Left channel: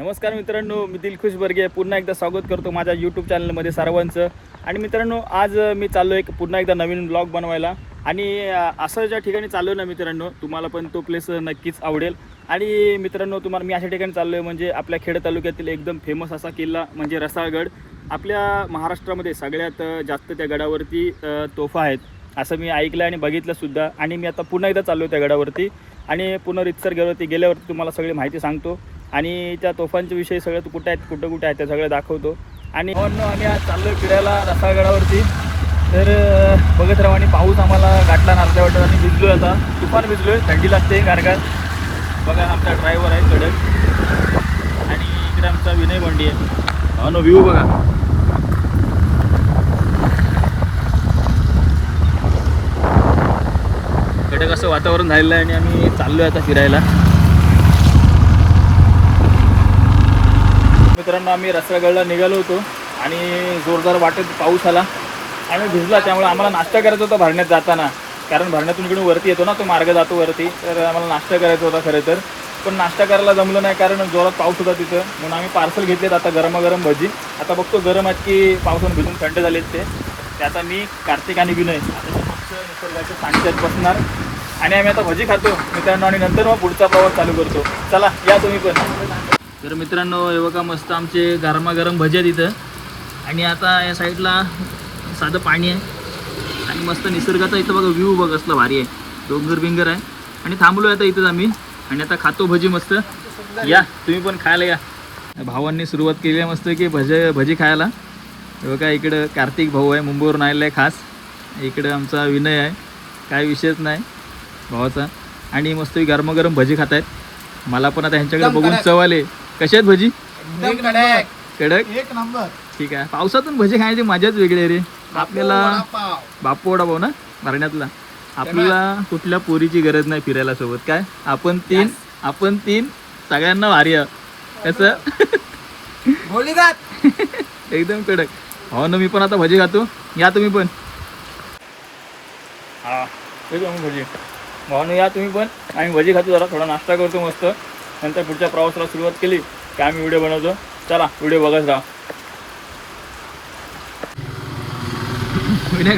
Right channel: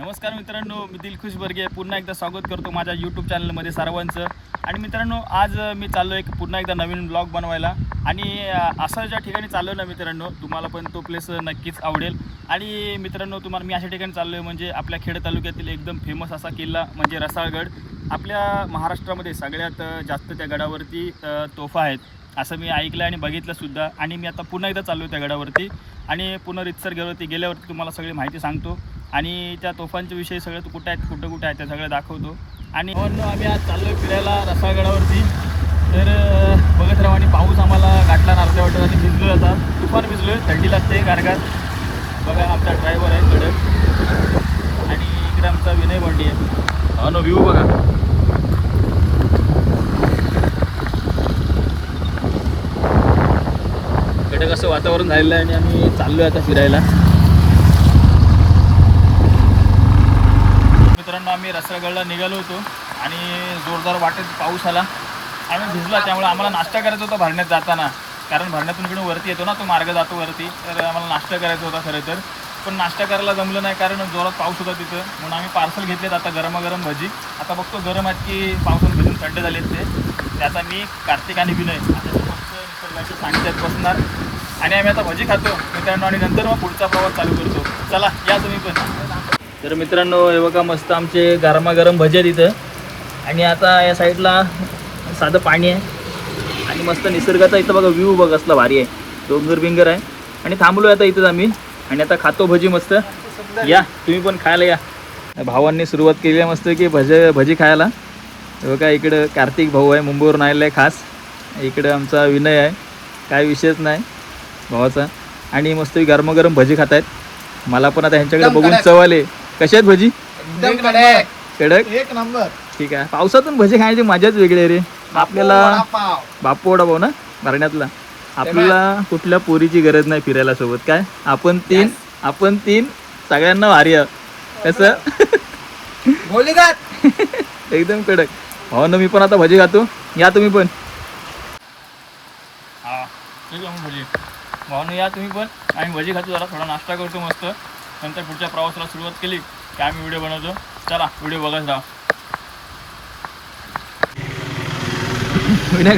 नमस्कार मित्रांनो, मी दिलखुश बर्गे पुन्हा एकदा स्वागत करतो माझ्या यूट्यूब चॅनलमध्ये सर्वांचं. आणि मित्रांनो, आज मी चाललो आहे पुन्हा एकदा नवीन ब्लॉग बनवायला. आणि असं ज्या ठिकाणी चाललो ना मित्रांनो, तुम्हाला पण तो प्लेस नक्कीच आवडेल. आणि मित्रांनो, तुम्हाला मी अशा ठिकाणी चाललो आहे म्हणजे आपल्या खेड तालुक्यातील एकदम फेमस असा किल्ला म्हणजे रसाळगड. आपल्या महाराष्ट्रामध्ये सगळ्यात जास्त त्या गडावरती तोफा आहेत असं मी ऐकलं आणि बघितलंसुद्धा. आणि मी आता पुन्हा एकदा चाललो आहे त्या गडावरती आणि पुन्हा रितसर गेल्यावरती तुम्हाला सगळी माहिती सांगतो आणि त्या तोफांच्या विषयी सगळं कुठे आहेत त्या सगळं दाखवतो. आणि आम्ही आज चाललो फिरायला रसाळगडावरती. तर बघत राहू. आणि पाऊस आम्हाला गाठला नारल्या वाटत आणि भिजलो आहे. आता तुफान भिजलो आहे, थंडी लागते कारगार. बघा आपला ड्रायव्हर आहे कडक आणि इकडे आमचा विनय बंडी आहे. व्ह्यू बघा. कडक असं वातावरण झालेलं आहे आणि आम्ही चाललो आहे आता फिरायला. मित्रांनो, आम्ही रसाळगडला निघालो होतो आणि जोरदार वाटत पाऊस आला आणि भिजला. त्यामुळे आम्हाला नाश्ता करायचा होता भरण्यात जाताना, कारण भरण्यातून इकडून वरती येतो ना, तो मार्ग जातो वरती. तर आम्हाला नाश्ता करायचा होता खरं तर, पण नाश्ता करायला जमलं नाही कारण जोरात पाऊस होता तिथं. म्हणून आम्ही पार्सल घेतलेत आता गरमागरम भजी. आता बघतो गरम आहेत की पावसानं भिजून थंड झालेत ते आता मी कार्तिक आणि विनय निसर्गाचे सानिध्यात बसणार आणि आम्ही आता भजी खातो मित्रांनो. आणि नंतर मग पुढचा प्रवास चालू करतो. चला या तुम्ही पण. तर मित्रांनो, हे बघा मस्त आमचे गरमागरम भजी आहेत इथं. आणि आता या साईडला साधं पाणी आहे आणि मस्त निसर्गाचा इथं बघा व्ह्यू बघा कसला भारी आहे. डोंगर आहे आणि थांबलो आता इथंच आम्ही आणि आता खातो भजी मस्त. या तुम्ही पण खायला या. भावांनी सुरुवात केली आहे मस्त की भजी खायला. हे बघा इकडं कार्तिक भाऊ आहे, मुंबईवरून आलेला आहे खास. इकडं आमचा विनय आहे, काय विषयच नाही भावाचा. आणि मस्त गरमागरम भजी खात आहेत. मला पण आता ह्यांच्याकडे बघून चव आले. कशा आहेत भजी? कडक एक नंबर. ठीक आहे. पावसातून भजी खाण्याची मजाच वेगळी आहे रे. आपल्याला बापू वडापाव ना भरण्यातला. आपल्याला कुठल्या पोरीची गरज नाही फिरायला सोबत. काय आपण तीन सगळ्यांना भारी आहे. कसं एकदम कडक. हो ना, मी पण आता भजी खातो. या तुम्ही पण. हा भजी भावानं या तुम्ही पण. आम्ही भजी खातो, जरा थोडा नाश्ता करतो मस्त. नंतर पुढच्या प्रवासाला सुरुवात केली की आम्ही व्हिडिओ बनवतो. चला व्हिडिओ बघत राहा.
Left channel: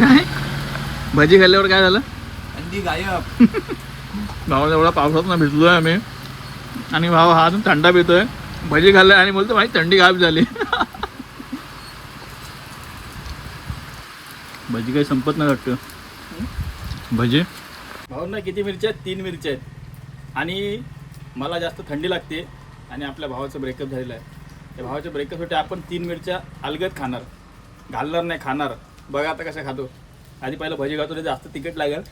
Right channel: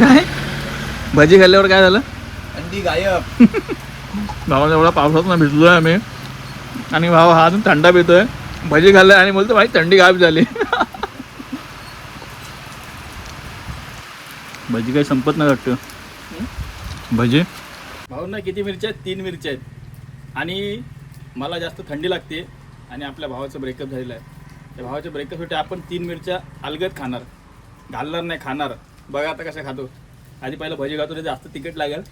काय भजी खाल्ल्यावर काय झालं? थंडी गायब. भावाने एवढा पावसात भिजलो आहे आम्ही आणि भाव हा थंडा पितोय. भजी खाल्लाय आणि बोलतो भाई थंडी गायब झाली. भजी काही संपत नाही वाटतं. भजी भाऊंना किती मिरच्या आहेत? 3 मिरच्या आहेत. आणि मला जास्त थंडी लागते आणि आपल्या भावाचं ब्रेकअप झालेलं आहे. त्या भावाच्या ब्रेकअपसाठी आपण 3 मिरच्या अलगद खाणार, घालणार नाही, खाणार. बघा आता कशा खातो. आधी पहिलं भजी खातो, ते जास्त तिखट लागेल.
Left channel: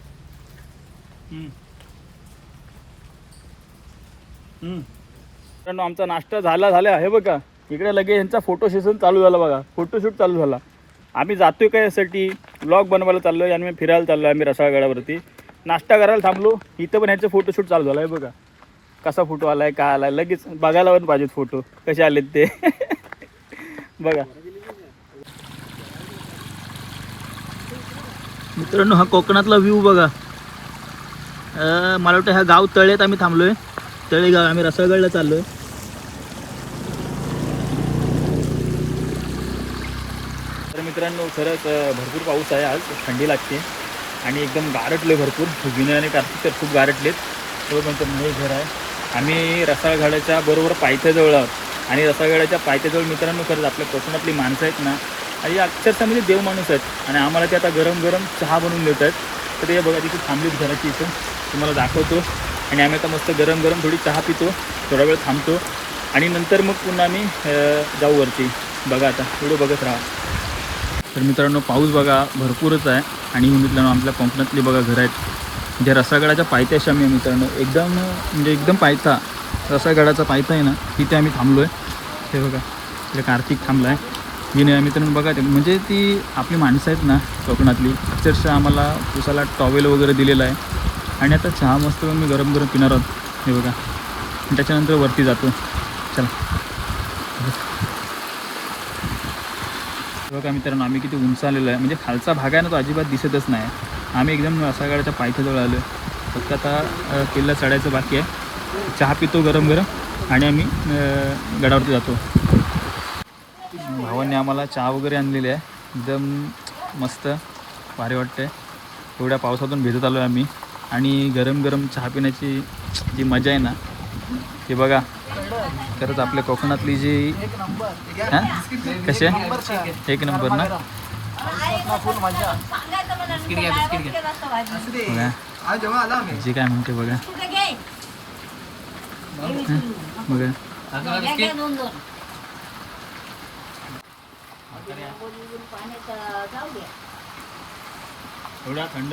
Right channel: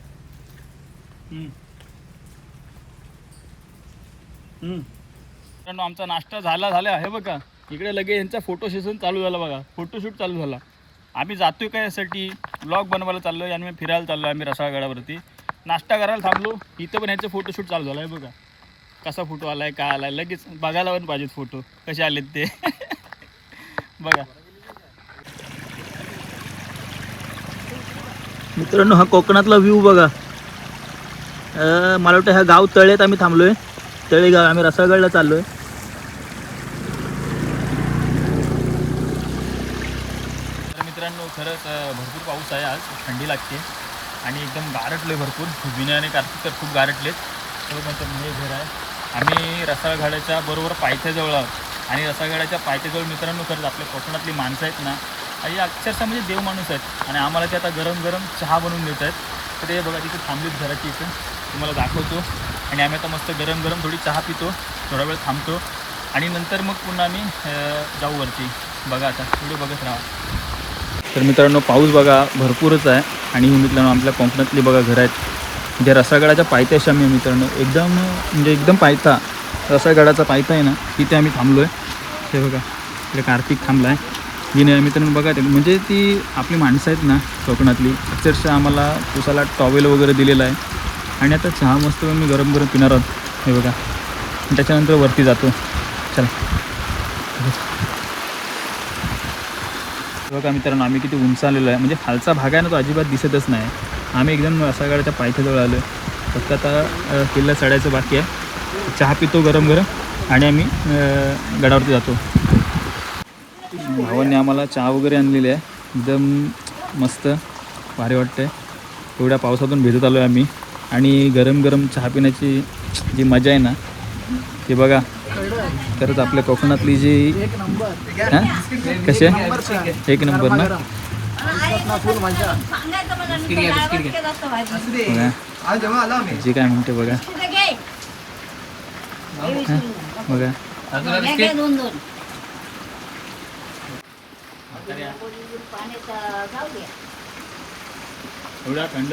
मित्रांनो, आमचा नाश्ता झाला हे बघा. इकडे लगेच यांचा फोटो सेशन चालू झाला बघा. फोटोशूट चालू झाला. आम्ही जातोय काय यासाठी, व्लॉग बनवायला चाललो आहे आणि फिरायला चाललो आहे. आम्ही रसाळगडावरती नाश्ता करायला थांबलो. इथं पण ह्याचं फोटोशूट चालू झालं आहे बघा. कसा फोटो आलाय, काय आलाय, लगेच बघायला पण पाहिजेत फोटो कसे आलेत ते. बघा मित्रांनो, हा कोकणातला व्ह्यू बघा. मला वाटतं ह्या गाव तळेत आम्ही थांबलोय. तळेगाव. आम्ही रसाळगडला चाललोय. तर मित्रांनो, खरंच भरपूर पाऊस आहे आज. थंडी लागते आणि एकदम गारटले भरपूर. विनय आणि कार्तिक तर खूप गारटलेत. पण नवीन घर आहे. आम्ही रसाळगडाच्या बरोबर पायथ्याजवळ आहोत आणि रसाळगडाच्या पायथ्याजवळ मित्रांनो खरंच आपल्या कोकणातली माणसं आहेत ना, आणि अक्षरशः म्हणजे देव माणूस आहेत. आणि आम्हाला ते आता गरम गरम चहा बनवून देत आहेत. तर ते बघा तिथे थांबलीत घराची इथं, तुम्हाला दाखवतो. आणि आम्ही आता मस्त गरम गरम थोडी चहा पितो, थोडा वेळ थांबतो आणि नंतर मग पुन्हा आम्ही जाऊ वरती. बघा आता थोडं बघत राहा. तर मित्रांनो, पाऊस बघा भरपूरच आहे. आणि मित्रांनो, आपल्या कोकणातली बघा घरं आहेत. म्हणजे रसाळगडाच्या पायथ्याशी आम्ही मित्रांनो एकदम पायथा, रसाळगडाचा पायथा आहे ना, तिथे आम्ही थांबलो आहे. ते बघा इकडे कार्तिक थांबला आहे. जिने मित्रांनो बघा ते म्हणजे ती आपली माणसं आहेत ना कोकणातली, अक्षरशः आम्हाला पुसाला टॉवेल वगैरे दिलेला आहे. आणि आता चहा मस्त मी गरम गरम पिणार आहोत. हे बघा. त्याच्यानंतर वरती जातो. चला बघा मित्रांनो, आम्ही किती उंच आलेलो आहे. म्हणजे खालचा भाग आहे ना, तो अजिबात दिसतच नाही. आम्ही एकदम रसाळगडाच्या पायथ्याजवळ आलो आहे. फक्त आता किल्ला चढायचं बाकी आहे. चहा पितो गरम गरम आणि आम्ही गडावरती जातो. भावांनी आम्हाला चहा वगैरे आणलेली आहे, एकदम मस्त भारी वाटतं आहे. एवढ्या पावसातून भिजत आलो आहे आम्ही आणि गरम गरम चहा पिण्याची जी मजा आहे ना ते बघा. खरंच आपल्या कोकणातली जी हां कसे एक नंबर ना. बघा जी काय म्हणते बघा बघा. एवढ्या थंड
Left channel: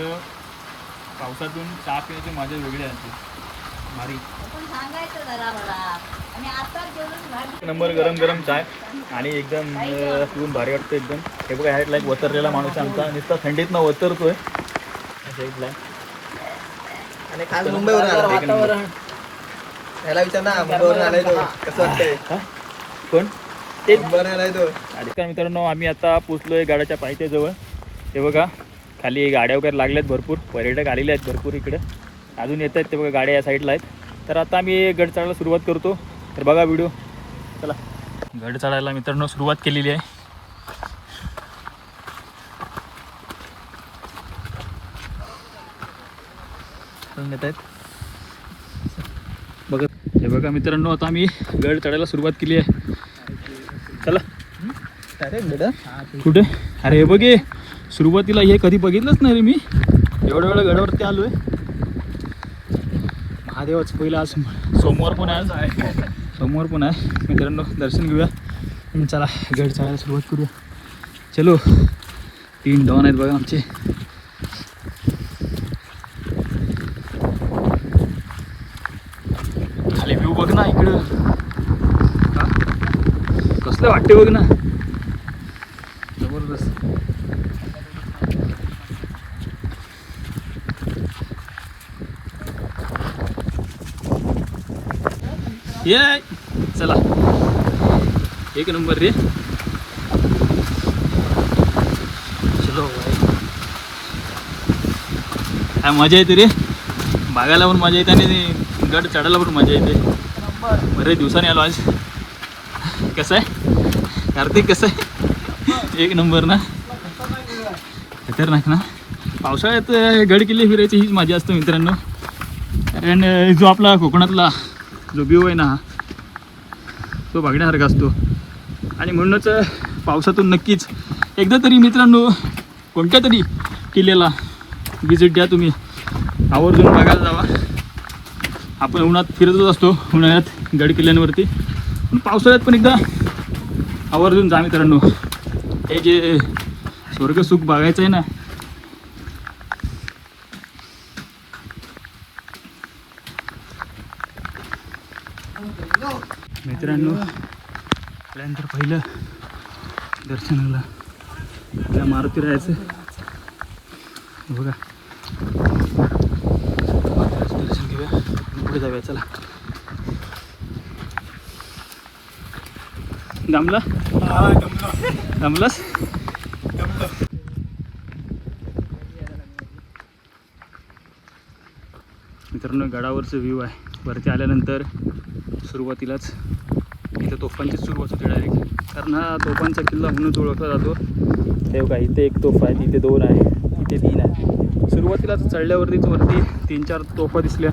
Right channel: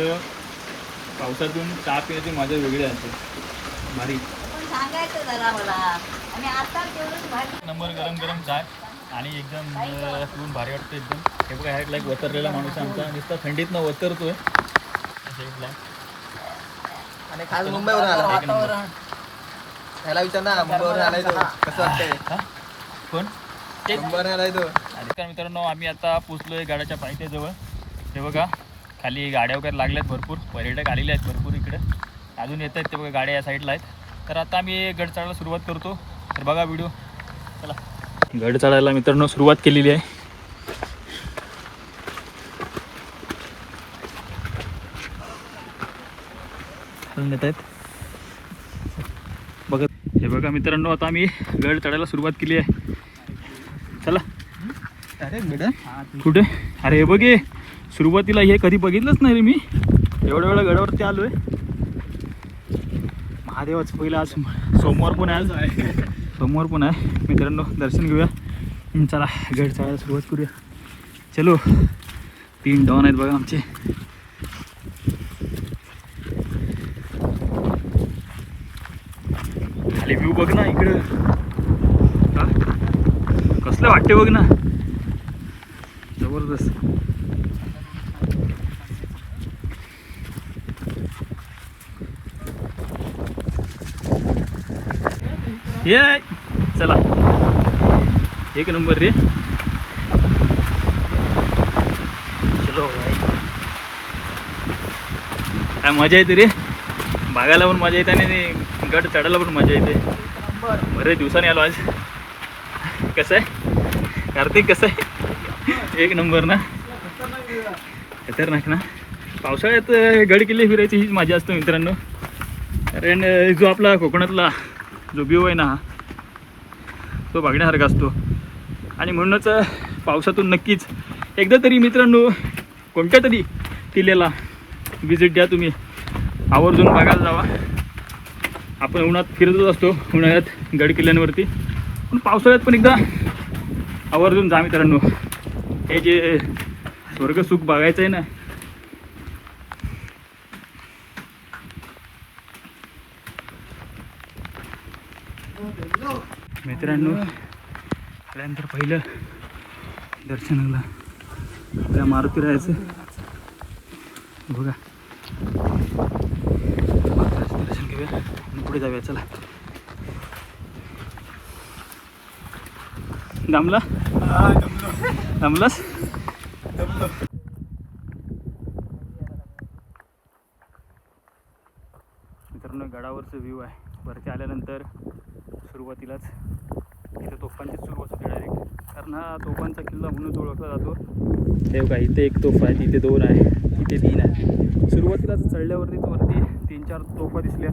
पावसातून चहा पिण्याची मजा वेगळी असते, भारी नंबर. गरम गरम चाय आणि एकदम पिऊन भारी वाटतं एकदम. हे बघा ह्या साईडला एक वतरलेला माणूस आमचा नुसता थंडीतनं वतरतोय साईडला. आणि काल मुंबईवरून आला वातावरण याला विचार ना, मुंबईवरून आलाय तो कसं वाटतंय? कोण मुंबईवरून आलाय तो. तर मित्रांनो आम्ही आता पोचलोय गाड्याच्या पायथ्याजवळ. हे बघा खाली गाड्या वगैरे लागल्यात, भरपूर पर्यटक आलेले आहेत भरपूर इकडे, अजून येत आहेत ते बघा गाड्या या साईडला आहेत. तर आता आम्ही गड चढायला सुरुवात करतो. तर बघा व्हिडिओ. चला गड चढायला मित्रांनो सुरुवात केलेली आहे. येत आहेत बघा. हे बघा मित्रांनो आता आम्ही गड चढायला सुरुवात केली आहे. चला कुठे? अरे हे बघे सुरुवातीला हे कधी बघितलंच नाही रे मी. एवढ्या वेळा गडावरती आलो आहे. महादेवाचं पहिलं आज सोमवार पण आहे, आज सोमवार पण आहे मित्रांनो. दर्शन घेऊया. चला गड चढायला सुरुवात करूया. चलो 3 डॉन आहेत बघा आमचे. खाली व्ह्यू बघ ना इकडं, कसलं वाटते बघ ना, जबरदस्त. ये चला एक नंबर रे. चलो भाई काय मजा येते रे, बघायला पण मजा येते आणि गड चढायला पण मजा येते. बरेच दिवसांनी आलो आज. कसं आहे कार्तिक, कसं आहे? एक नंबर ना, खतरनाक ना. पावसाळ्यात गड किल्ले फिरायची हीच मजा असते मित्रांनो. कारण जो आपला कोकणातला जो व्ह्यू आहे ना तो बघण्यासारखा असतो. आणि म्हणूनच पावसातून नक्कीच एकदा तरी मित्रांनो कोणत्या तरी किल्ल्याला विजिट द्या तुम्ही, आवर्जून बघायला जावा. आपण उन्हात फिरतच असतो उन्हाळ्यात गड किल्ल्यांवरती, पण पावसाळ्यात पण एकदा आवर्जून जा मित्रांनो. हे जे स्वर्गसुख बघायचं आहे ना, मित्रांनो त्यानंतर पहिलं दर्शनाला आपल्या मारुती राहायचं बघा. दर्शन घेऊया आणि पुढे जाऊया. चला दमला दमलास. मित्रांनो गडावरचं व्ह्यू आहे. वरती आल्यानंतर सुरुवातीलाच इथं तोफांचीच सुरुवात होते डायरेक्ट, कारण हा तोफांचा किल्ला म्हणून ओळखला जातो. हे बघा इथे एक तोफ आहे, इथे 2 आहे, इथे 3 आहे. सुरुवातीलाच चढल्यावरतीच वरती 3-4 तोफा दिसल्या.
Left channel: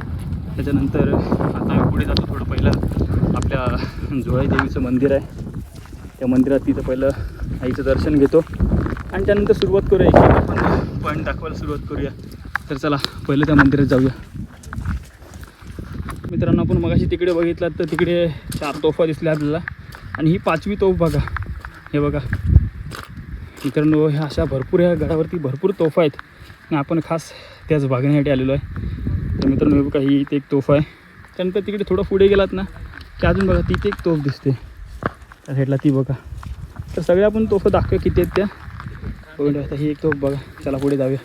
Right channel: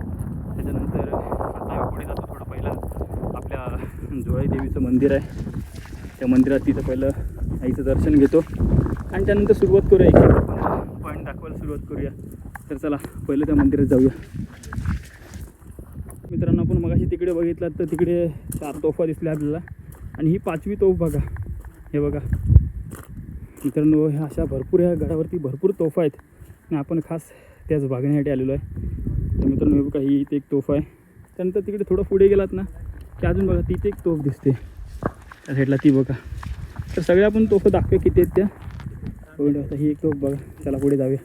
त्याच्यानंतर आता आम्ही पुढे जातो. थोडं पहिलं आपल्या झोळाई देवीचं मंदिर आहे, त्या मंदिरात तिथं पहिलं आईचं दर्शन घेतो आणि त्यानंतर सुरुवात करूया. एक आपण पॉईंट दाखवायला सुरुवात करूया. तर चला पहिलं त्या मंदिरात जाऊया. मित्रांनो आपण मगाशी तिकडे बघितलात तर तिकडे 4 तोफा दिसल्या आपल्याला आणि ही 5वी तोफ बघा. हे बघा मित्रांनो, ह्या अशा भरपूर ह्या गडावरती भरपूर तोफा आहेत आणि आपण खास त्याच बघण्यासाठी आलेलो आहे. तर मित्रांनो हे बघा ही इथे एक तोफ आहे. त्यानंतर तिकडे थोडं पुढे गेलात ना की अजून बघा तिथे एक तोफ दिसते त्या साईडला, ती बघा. तर सगळ्या आपण तोफा दाखवूया किती आहेत त्या बघून. आता ही एक तोफ बघा. चला पुढे जाऊया.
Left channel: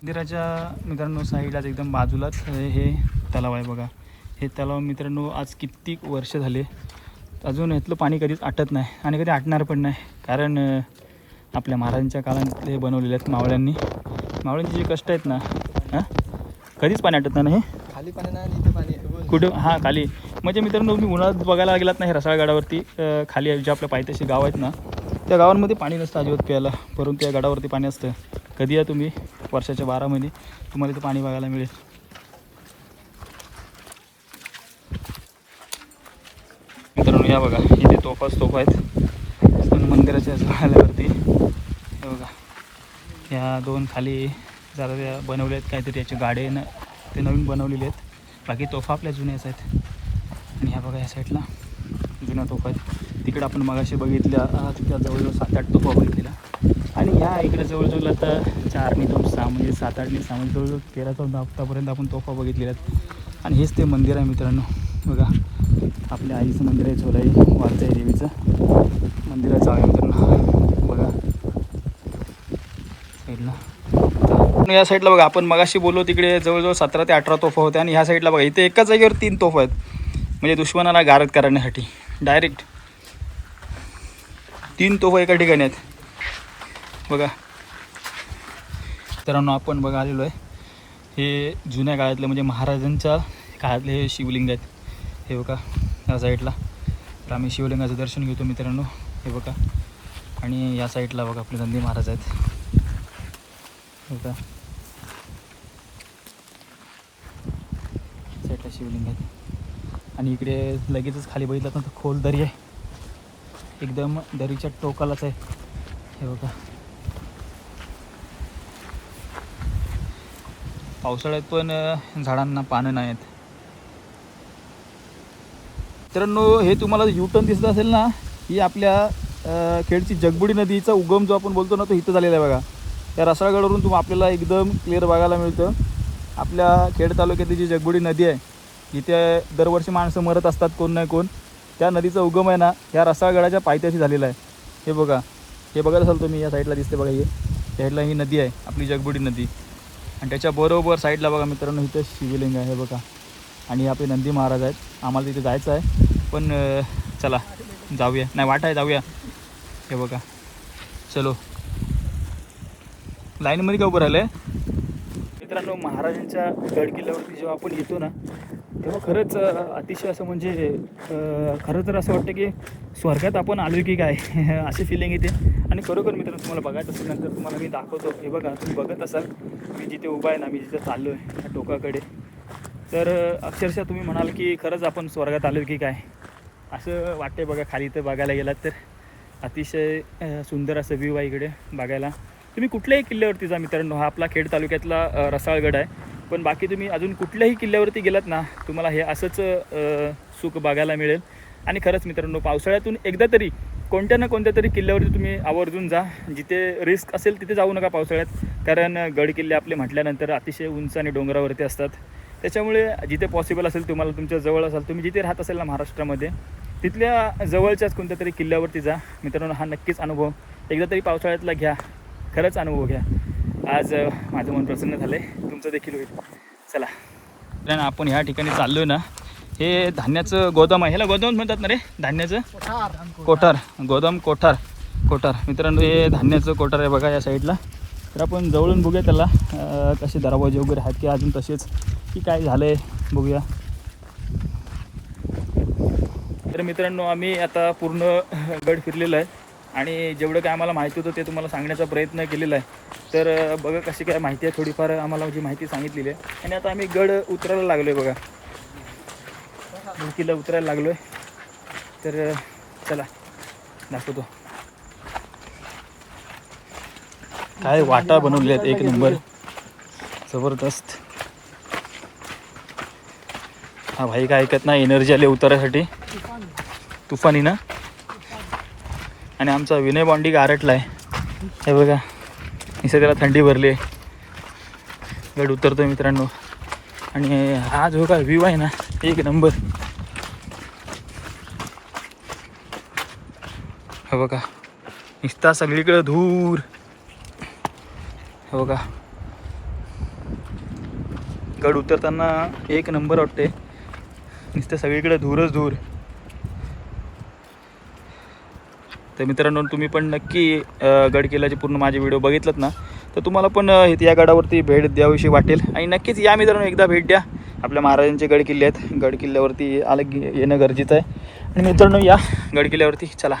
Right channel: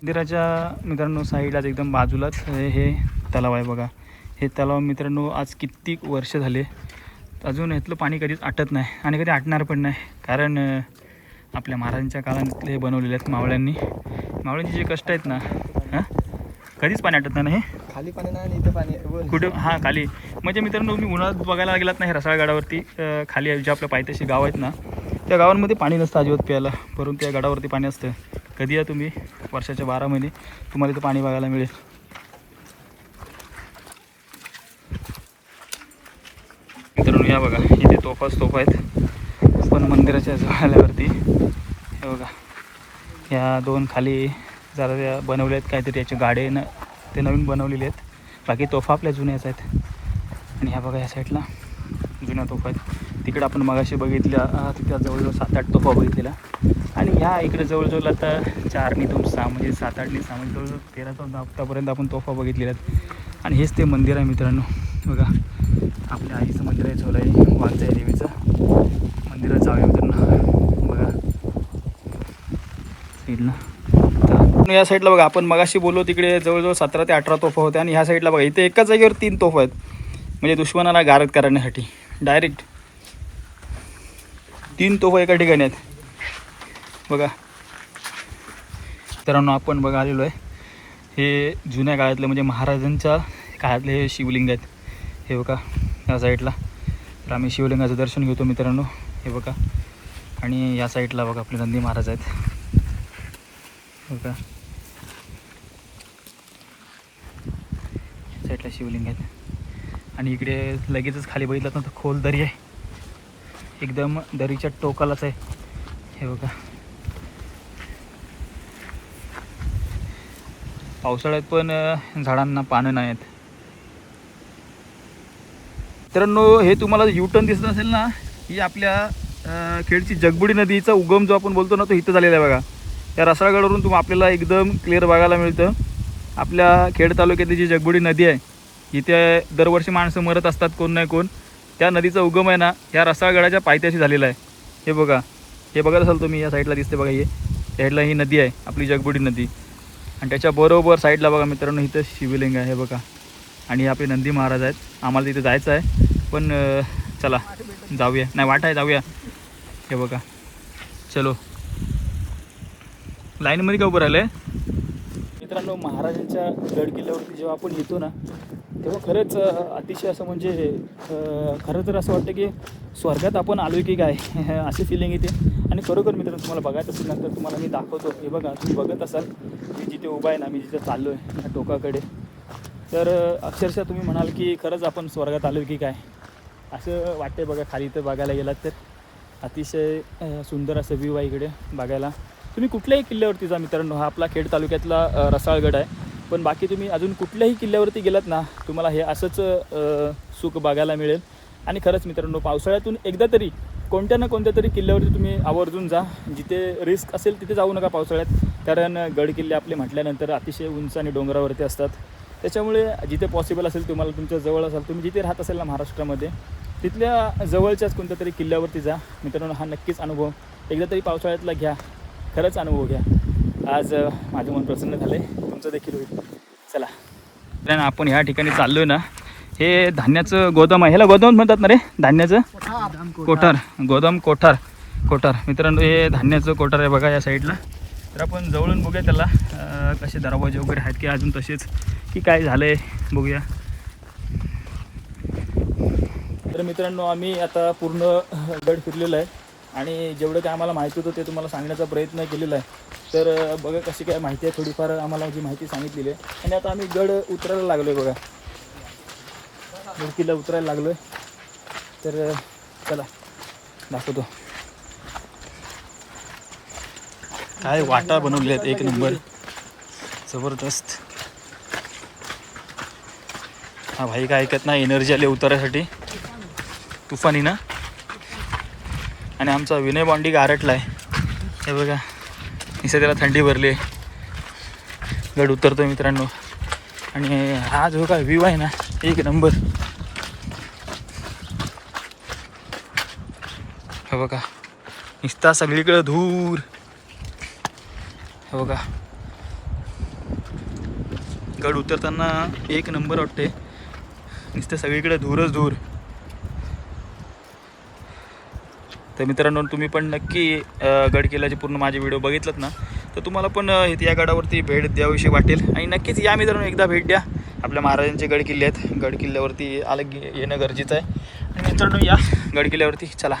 मंदिराच्या मित्रांनो साईडलाच एकदम बाजूलाच हे तलाव आहे बघा. हे तलाव मित्रांनो आज कित्येक वर्ष झाले अजून यातलं पाणी कधीच आटत नाही आणि कधी आटणार पण नाही. कारण आपल्या महाराजांच्या काळातले हे बनवलेले आहेत मावळ्यांनी. मावळ्यांचे जे कष्ट आहेत ना, हां कधीच पाणी आटत नाही ना हे खाली पाणी नाही आणि इथे पाणी आहे. कुठं हां खाली. म्हणजे मित्रांनो तुम्ही उन्हाळ्यात बघायला गेलात नाही रसाळगडावरती खाली जे आपल्या पायथ्याशी गाव आहेत ना त्या गावांमध्ये पाणी नसतं अजिबात प्यायला, परंतु त्या गडावरती पाणी असतं. कधी या तुम्ही वर्षाच्या 12 महिने तुम्हाला इथं पाणी बघायला मिळेल. मित्रांनो या बघा इथे तोफा आहेत पण मंदिराच्या आल्यावरती हे बघा या 2 खाली जरा बनवले आहेत काहीतरी याचे गाडे ते नवीन बनवलेले आहेत. बाकी तोफा आपल्या जुन्याच आहेत. आणि ह्या बघा या साईडला जुन्या तोफा आहेत. तिकडे आपण मगाशी बघितल्या तिथं जवळजवळ 7-8 तोफा बघितलेल्या आणि ह्या इकडे जवळजवळ आता 4 आणि 2 6 म्हणजे 7-8 आणि 6 म्हणजे जवळजवळ 13-14 आत्तापर्यंत आपण तोफा बघितलेल्या आहेत. आणि हेच ते मंदिर आहे मित्रांनो. बघा आपल्या आईचं मंदिर आहे चोलाई वालचाई देवीचं मंदिराचं आहे मित्रांनो. बघा साईडला या साईडला बघा आपण मगाशी बोललो तिकडे जवळजवळ 17 ते 18 तोफा होत्या आणि ह्या साईडला बघा इथे एकाच जागेवर 3 तोफा आहेत. म्हणजे दुश्मनाला गारद करण्यासाठी डायरेक्ट 3 तोफा एका ठिकाणी आहेत बघा. मित्रांनो आपण बघा आलेलो आहे हे जुन्या काळातले म्हणजे महाराजांच्या काळातले हे शिवलिंग आहेत. हे बघा या साईडला तर आम्ही शिवलिंगाचं दर्शन घेतो मित्रांनो. हे बघा आणि या साईडला बघा आपले नंदी महाराज आहेत बघा साईडला शिवलिंग आहेत. आणि इकडे लगेचच खाली बघितलं तर खोल दरी आहे एकदम दरीच्या टोकालाच आहे. हे बघा पावसाळ्यात पण झाडांना पानं नाही आहेत. मित्रांनो हे तुम्हाला युटर्न दिसत असेल ना ही आपल्या खेडची जगबुडी नदीचा उगम जो आपण बोलतो ना तो इथं झालेला आहे बघा. त्या रसाळगडावरून आपल्याला एकदम क्लिअर बघायला मिळतं. आपल्या खेड तालुक्यातली जी जगबुडी नदी आहे इथे दरवर्षी माणसं मरत असतात कोण नाही कोण. त्या नदीचा उगम आहे ना या रसाळगडाच्या पायथ्याशी झालेला आहे. हे बघत असाल तुम्ही या साईडला दिसते बघा. साईडला ही नदी आहे आपली जगबुडी नदी आणि त्याच्या बरोबर साईडला बघा मित्रांनो इथं शिवलिंग आहे. हे बघा आणि आपले नंदी महाराज आहेत. आम्हाला तिथे जायचं आहे पण चला जाऊया. नाही वाट आहे जाऊया. हे बघा चलो लाईनमध्ये का उभं राहिलं आहे मित्रांनो. महाराजांच्या गड किल्ल्यावरती जेव्हा आपण येतो ना तेव्हा खरंच अतिशय असं म्हणजे खरं तर असं वाटतं की स्वर्गात आपण आलो की काय अशी फिलिंग येते. आणि खरोखर मित्रांनो तुम्हाला बघायचं असेल नंतर तुम्हाला मी दाखवतो. हे बघा तुम्ही बघत असाल मी जिथे उभा आहे ना मी जिथे चाललो आहे त्या टोकाकडे तर अक्षरशः तुम्ही म्हणाल की खरंच आपण स्वर्गात आलो की काय असं वाटतंय बघा. खाली तर बघायला गेलात तर अतिशय सुंदर असं व्ह्यू आहे इकडे बघायला. तुम्ही कुठल्याही किल्ल्यावरती जा मित्रांनो. हा आपला खेड तालुक्यातला रसाळगड आहे पण बाकी तुम्ही अजून कुठल्याही किल्ल्यावरती गेलात ना तुम्हाला हे असंच सुख बघायला मिळेल. आणि खरंच मित्रांनो पावसाळ्यातून एकदा तरी कोणत्या ना कोणत्या तरी किल्ल्यावरती तुम्ही आवर्जून जा. जिथे रिस्क असेल तिथे जाऊ नका पावसाळ्यात, कारण गड किल्ले आपले म्हटल्यानंतर अतिशय उंच आणि डोंगरावरती असतात. त्याच्यामुळे जिथे पॉसिबल असेल तुम्हाला तुमच्या जवळ असाल तुम्ही जिथे राहत असेल ना महाराष्ट्रामध्ये तिथल्या जवळच्याच कोणत्या तरी किल्ल्यावरती जा मित्रांनो. हा नक्कीच अनुभव एकदा तरी पावसाळ्यातला घ्या. खरंच अनुभव घ्या. आज माझं मन प्रसन्न झालं आहे, तुमचं देखील होईल. चला तर आपण ह्या ठिकाणी चाललो आहे ना हे धान्याचं गोदाम आहे. ह्याला गोदाम म्हणतात ना रे धान्याचं कोठार गोदाम कोठार मित्रांनो हे धान्याचं कोठार आहे बघा या साईडला. तर आपण जवळून बघूया त्याला कसे दरवाजे वगैरे आहेत की अजून तसेच की काय झालं आहे बघूया. तर मित्रांनो आम्ही आता पूर्ण गड फिरलेलो आहे आणि जेवढं काय आम्हाला माहिती होतं ते तुम्हाला सांगण्याचा प्रयत्न केलेला आहे. तर बघा कशी काय माहिती आहे थोडीफार आम्हाला जी माहिती सांगितलेली आहे. आणि आता आम्ही गड उतरायला लागलो आहे बघा. किल्ला उतरायला लागलो आहे. तर चला दाखवतो. काय वाटा बनवलेल्या आहेत एक नंबर जबरदस्त. हा भाई काय ऐकत नाही एनर्जी आली उतरायसाठी तुफानी ना. आणि आमचा विनय बॉन्डी गारटला आहे हे बघा. निसर्ग त्याला थंडी भरली आहे. गड उतरतो मित्रांनो आणि हा जो काय व्ह्यू आहे ना एक नंबर. हे बघा नुसता सगळीकडं धूर. हे बघा गड उतरताना एक नंबर वाटते. नुसतं सगळीकडे धूरच धूर. तर मित्रांनो तुम्ही पण नक्की गडकिल्ल्याचे पूर्ण माझे व्हिडिओ बघितलात ना तर तुम्हाला पण या गडावरती भेट द्यावीशी वाटेल आणि नक्कीच या मित्रांनो एकदा भेट द्या. आपल्या महाराजांचे गडकिल्ले आहेत, गडकिल्ल्यावरती आलं की येणं गरजेचं आहे. आणि मित्रांनो या गडकिल्ल्यावरती चला